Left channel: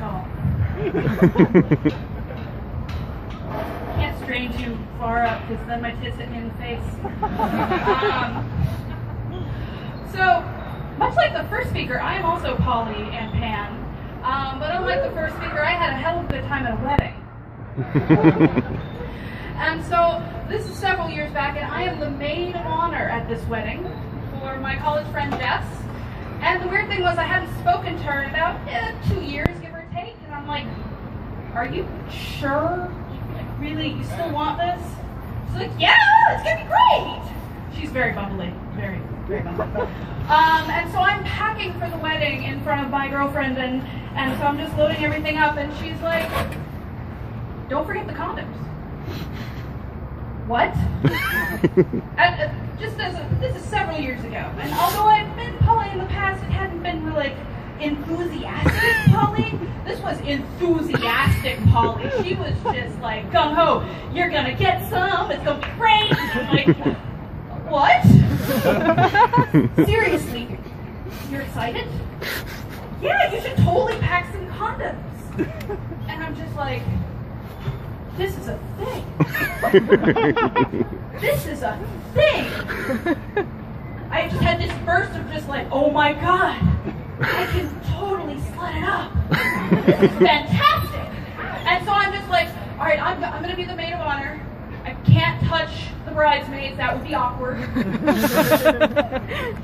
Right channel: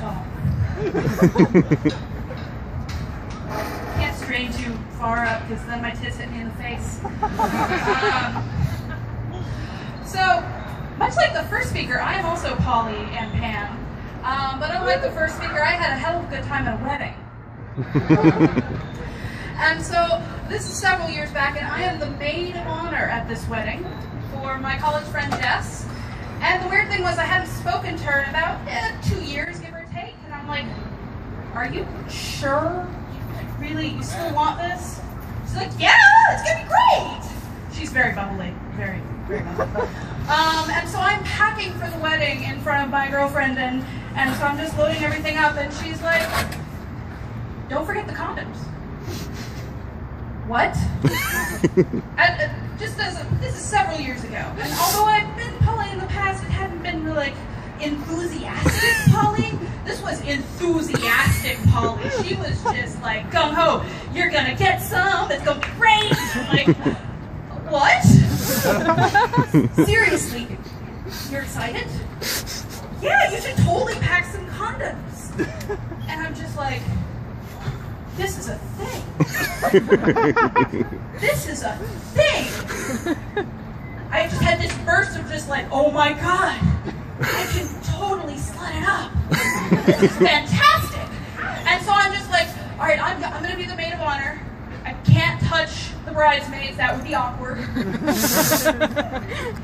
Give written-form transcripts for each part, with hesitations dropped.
tall. Can't strain too far up because then my tits hit me in the face. So, much like the first speaker, I am also poly and pan. But unlike the first speaker, I had a hell of a good time at a wedding. And so, this is several years back, and I am the maid of honor at this wedding for my college friend Jess. And the weird thing was I hadn't spoken to her in about 2 years, give or take. And I'm like, are you sure? You still want this? She's like, yeah, it's gonna be great. She's very bubbly, very, very bubbly. And so I'm packing for the wedding in front of my girlfriend, and so I'm just loading everything up, and she's like, don't forget the condoms. What? This is several years ago, and although I've been poly in the past, it hadn't been really like enthusiastic poly. This was enthusiastic poly. She was just like, gung ho, you're gonna get some, it's gonna be great. I'm like, what? Seriously, you're excited? Yeah, you should totally pack some condoms. And I'm just like, this is a thing. This is a thing. I just had this burst of just like, oh my God, I can totally slut it up. This is fantastic. And so I'm just like, all right, I'm going to be the maid of honor. I can't touch the bridesmaids. That would be awkward.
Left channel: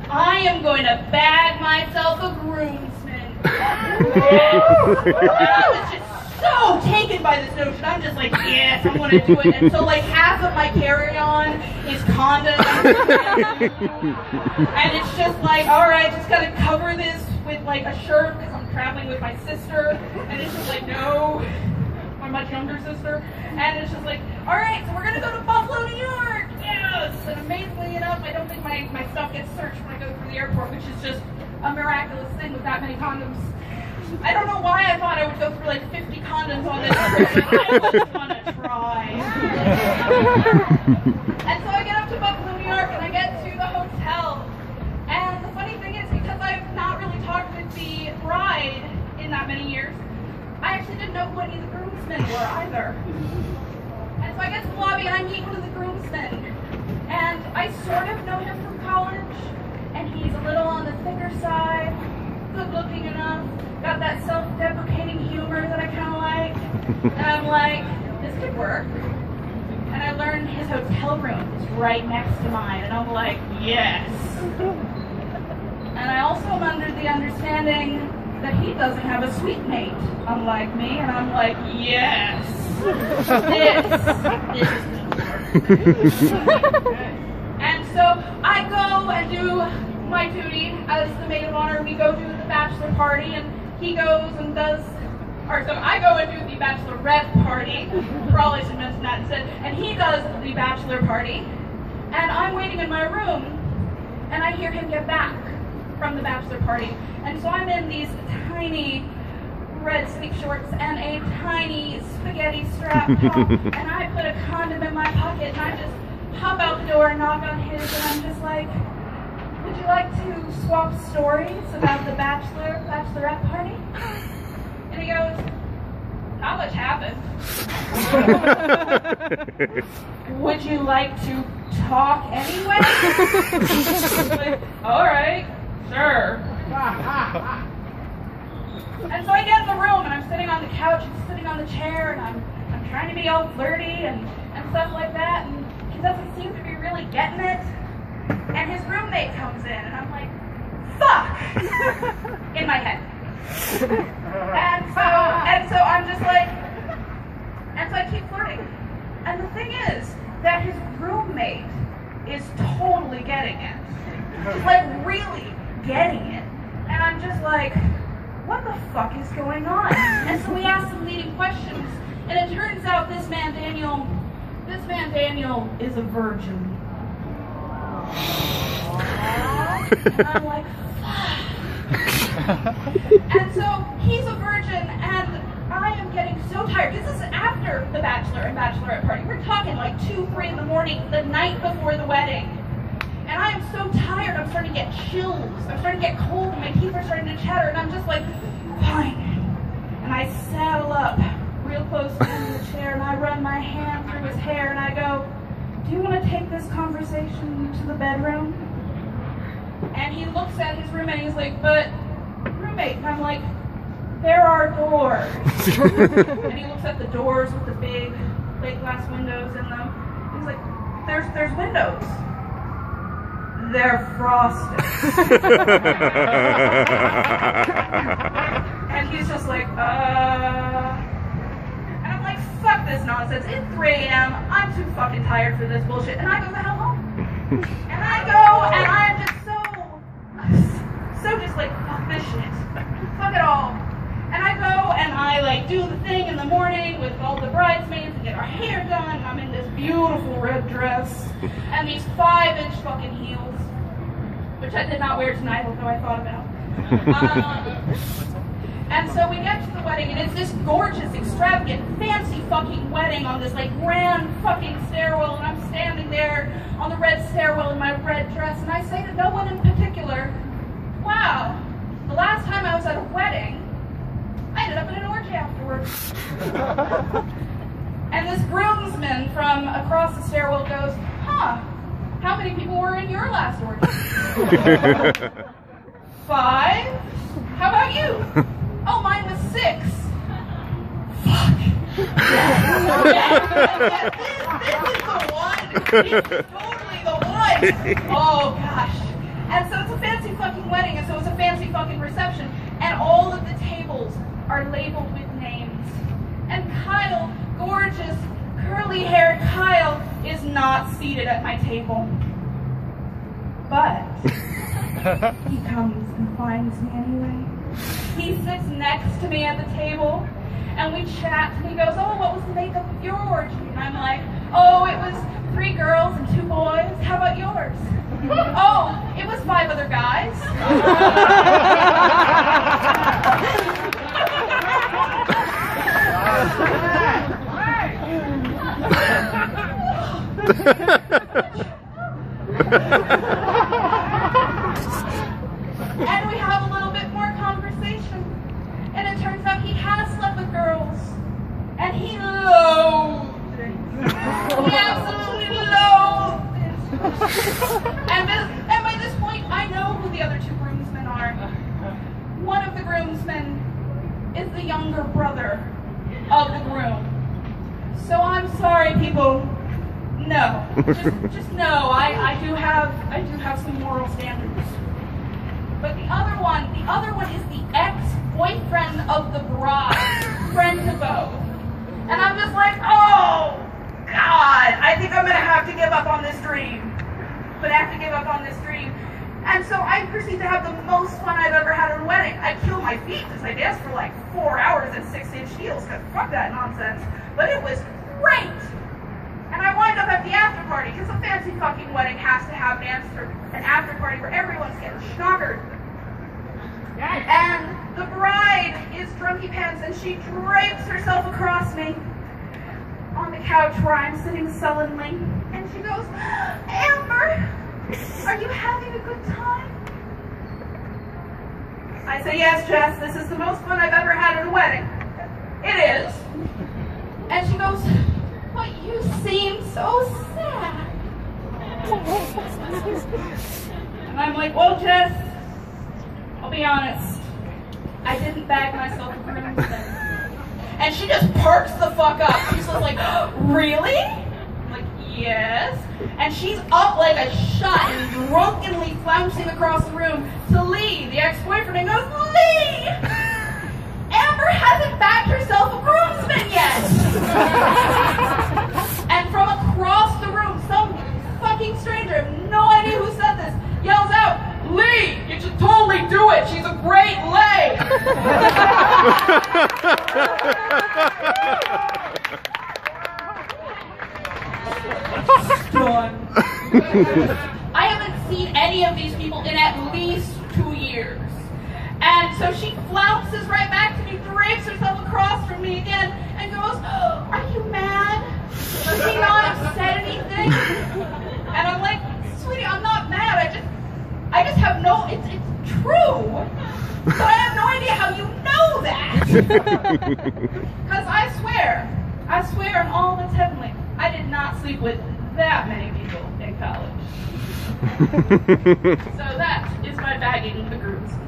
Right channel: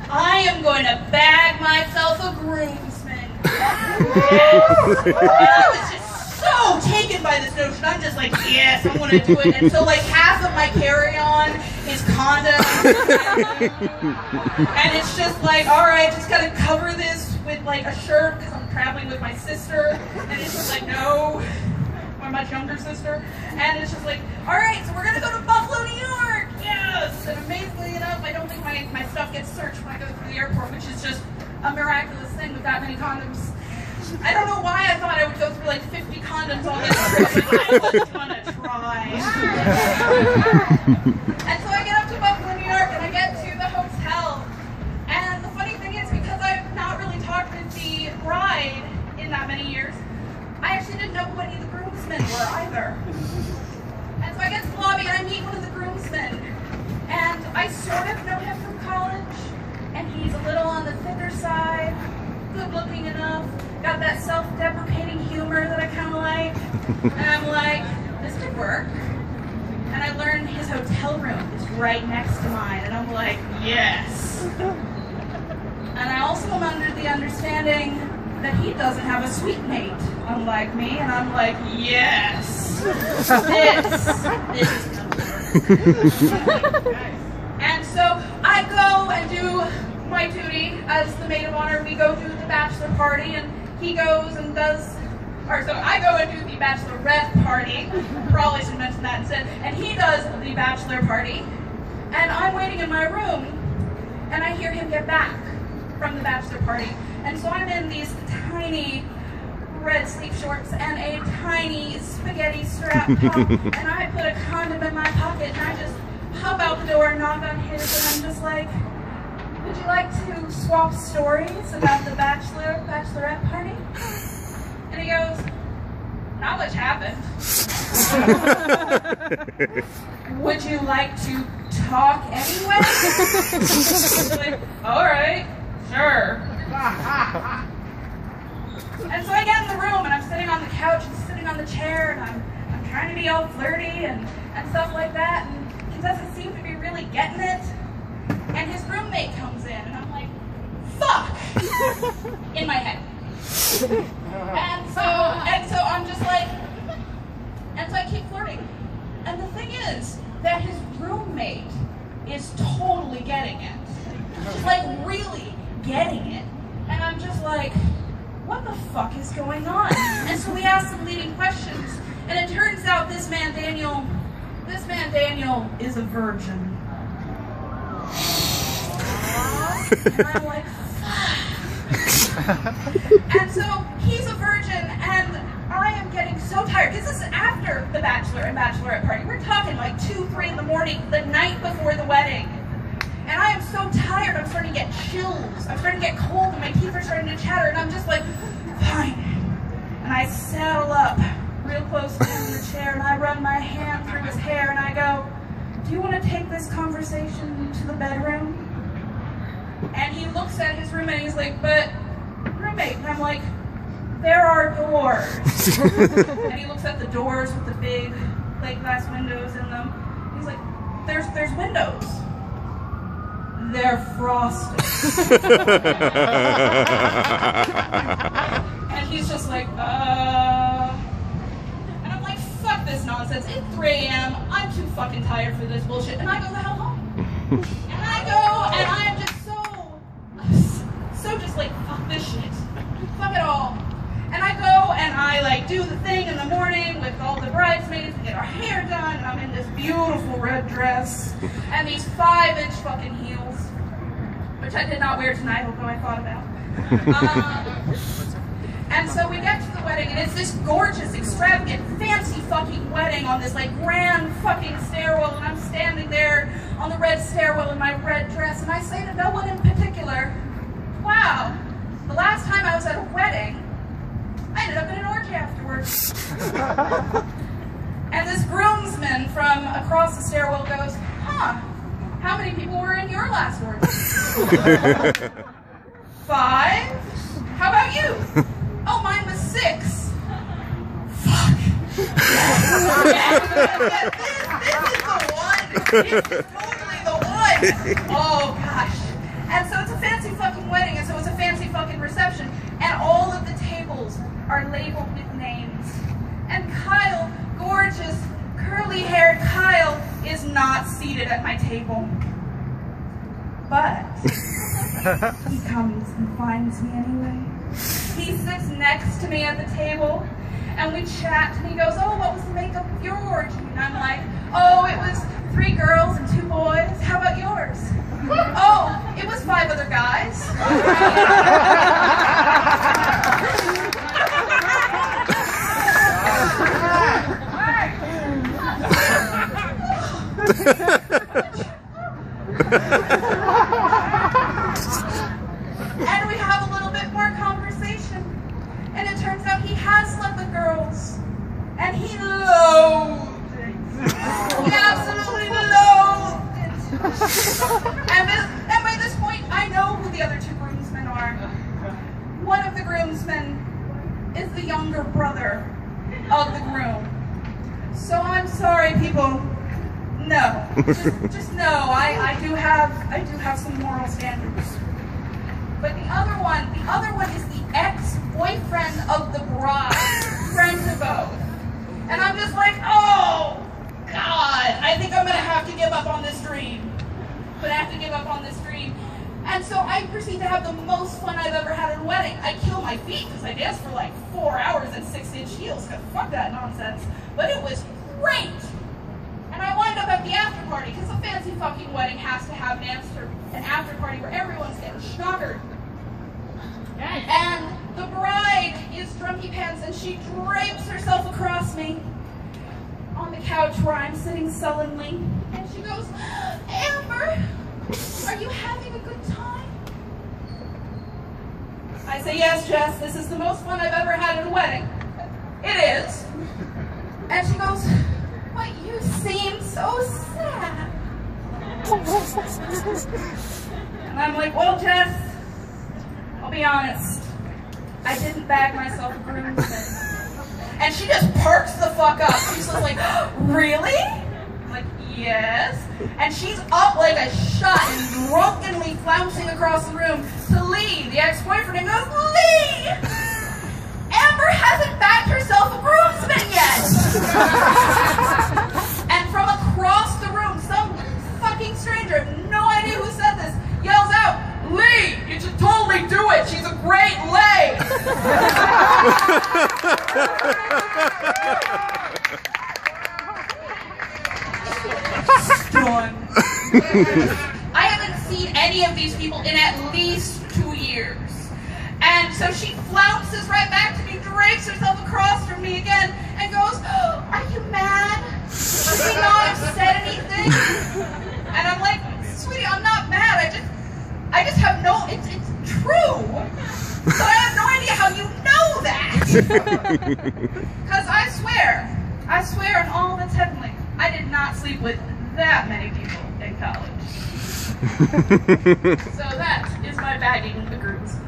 I am going to bag myself a groomsman. Yes. And I was just so taken by this notion. I'm just like, yes, I want to do it. And so like half of my carry-on is condoms. And it's just like, all right, just got to cover this with like a shirt because I'm traveling with my sister. And it's just like, no, my much younger sister. And it's just like, all right, so we're going to go to Buffalo, New York. Yes. And amazingly enough, I don't think my stuff gets searched when I go through the airport, which is just a miraculous thing with that many condoms. I don't know why I thought I would go through like 50 condoms on this trip, but I was gonna try. And so I get up to Buffalo, New York, and I get to the hotel. And the funny thing is, because I've not really talked with the bride in that many years, I actually didn't know who any of the groomsmen were either. And so I get to the lobby, and I meet one of the groomsmen. And I sort of know him from college, and he's a little on the thicker side, good looking enough, got that self-deprecating humor that I kind of like. And I'm like, this could work. And I learned his hotel room is right next to mine, and I'm like, yes. And I also am under the understanding that he doesn't have a suite mate, unlike me, and I'm like, yes. This is gonna work. And so I go and do my duty as the maid of honor. We go to the bachelor party, and he goes and does, or so I go and do the bachelorette party. Probably should mention that instead. And he does the bachelor party, and I'm waiting in my room, and I hear him get back from the bachelor party. And so I'm in these tiny red sleeve shorts and a tiny spaghetti strap top, and I put a condom in my pocket, and I just hop out the door and knock on his, and I'm just like, would you like to swap stories about the bachelorette party? And he goes, not much happened. Would you like to talk anyway? Like, all right, sure. And so I get in the room, and I'm sitting on the couch, and sitting on the chair, and I'm trying to be all flirty and stuff like that, and he doesn't seem to be really getting it. And his roommate comes in, and I'm like, fuck! In my head. And so I'm just like, and so I keep flirting. And the thing is that his roommate is totally getting it. She's like really getting it. And I'm just like, what the fuck is going on? And so we ask some leading questions. And it turns out this man Daniel is a virgin. And I'm like, fuck. And so he's a virgin, and I am getting so tired, because this is after the bachelor and bachelorette party. We're talking like 2, 3 in the morning, the night before the wedding. And I am so tired, I'm starting to get chills. I'm starting to get cold, and my teeth are starting to chatter, and I'm just like, fine. And I saddle up real close to him in the chair, and I run my hand through his hair, and I go, "Do you want to take this conversation to the bedroom?" And he looks at his roommate, and he's like, "But, roommate," and I'm like, "There are doors." And he looks at the doors with the big plate glass windows in them. He's like, there's windows. They're frosted." And he's just like, And I'm like, fuck this nonsense. It's 3 a.m. I'm too fucking tired for this bullshit. And I go the hell home. And I go, and I'm just so just like, fuck this shit. Fuck it all. And I go and I like do the thing in the morning with all the bridesmaids and get our hair done, and I'm in this beautiful red dress and these 5-inch fucking heels, which I did not wear tonight, although I thought about. And so we get to the wedding, and it's this gorgeous, extravagant, fancy fucking wedding on this like grand fucking stairwell, and I'm standing there on the red stairwell in my red dress, and I say to no one in particular, "Wow, the last time I was at a wedding, I ended up in an orgy afterwards." And this groomsman from across the stairwell goes, "Huh, how many people were in your last orgy?" 5? How about you? "Oh, mine was 6. Fuck. Yeah, this is the one. This is totally the one. Oh, gosh. And so it's a fancy fucking wedding, and so it's a fancy fucking reception, and all of the tables are labeled with names. And Kyle, gorgeous, curly-haired Kyle, is not seated at my table. But he comes and finds me anyway. He sits next to me at the table, and we chat, and he goes, "Oh, what was the makeup of your orgy?" And I'm like, "Oh, it was 3 girls and 2 boys. How about yours?" "Oh, it was 5 other guys." And we have a little bit more conversation, and it turns out he has slept with girls, and he loathed it. He absolutely loathed it. And by this point, I know who the other 2 groomsmen are. One of the groomsmen is the younger brother of the groom. So I'm sorry, people. No, just no. I do have some moral standards. But the other one is the ex-boyfriend of the bride, friend to both. And I'm just like, oh God, I think I'm gonna have to give up on this dream. But I have to give up on this dream. And so I proceed to have the most fun I've ever had at a wedding. I kill my feet because I danced for like 4 hours in 6-inch heels, because fuck that nonsense. But it was great. And I wind up at the after party, because a fancy fucking wedding has to have an after party where everyone's getting schnockered. And the bride is drunky pants, and she drapes herself across me on the couch where I'm sitting sullenly. And she goes, "Amber, are you having a good time?" I say, "Yes, Jess, this is the most fun I've ever had at a wedding." "It is." And she goes, "But you seem so sad." And I'm like, "Well, Jess, I'll be honest. I didn't bag myself a groomsman." And she just perks the fuck up. She's just like, "Really?" I'm like, "Yes." And she's up like a shot and drunkenly flouncing across the room to Lee, the ex-boyfriend, and goes, "Lee! Amber hasn't bagged herself a groomsman yet!" And from across the room, some fucking stranger, I have no idea who said this, yells out, "Lee, you should totally do it. She's a great lay." Done. I haven't seen any of these people in at least 2 years. And so she flounces right back to me, drapes herself across from me again, and goes, "Are you mad? Did he not have said anything?" And I'm like, "Sweetie, I'm not mad. I just have no, it's true. But I have no idea how you know that." Because I swear on all that's heavenly, I did not sleep with that many people in college. So that is my bagging the Groomsman.